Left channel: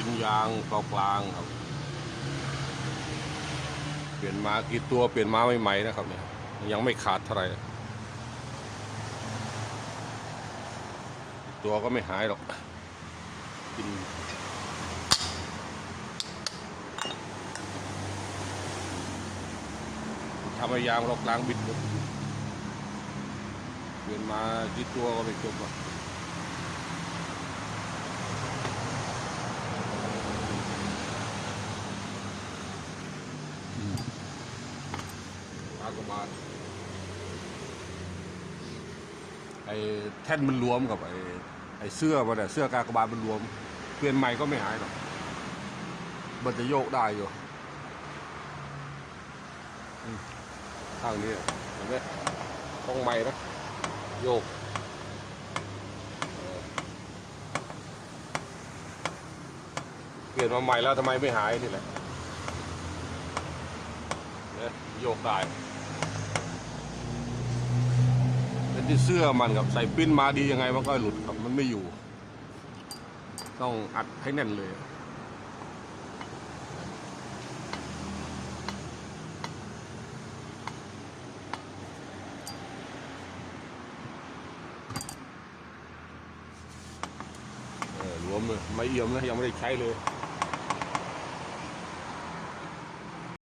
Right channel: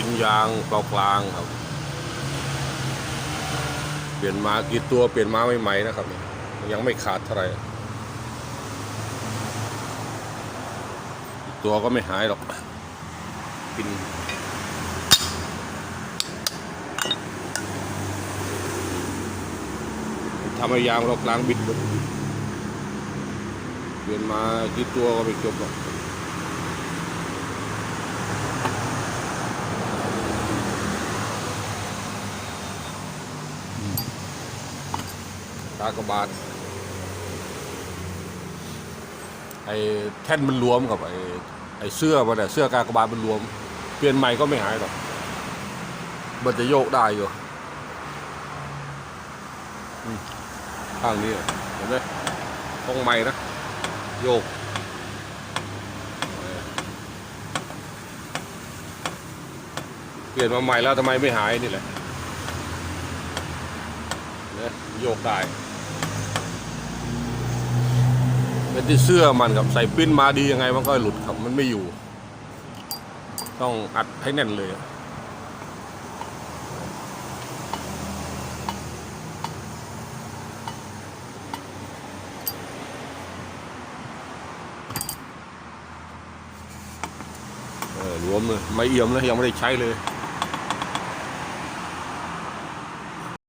กินยางเปล่ากลางครับ เปลี่ยนมากี่ตัวเปลี่ยนมาใหม่ๆนะครับ ยังไม่ขาดเท่าไหร่ตัวก็ไม่หายหรอกกินทำให้ยางเรากลางบิดหมดเปลี่ยนมากี่ตัวก็ไม่จบหรอก กากบาทไอ้แท่นมันรวมกับไอ้ไอ้เสื้อมันอะเสื้อกากบาทมันรวม เปลี่ยนใหม่ก็ไม่หายหรอกมันจะโยกได้อยู่ข้างนี้อะเห็นไหมต้องใหม่นะโยกเปลี่ยนมาใหม่แล้วทำไมไม่หายนี่แหละนะโยกได้ เป็นที่เสื้อมันกับใส่ปิ้นมาดียังไงมันก็หลุดครับมันไม่อยู่ ต้องอัดให้แน่นเลยรวมเลยไม่เอี่ยมเลยยังไม่ได้ใช้เลย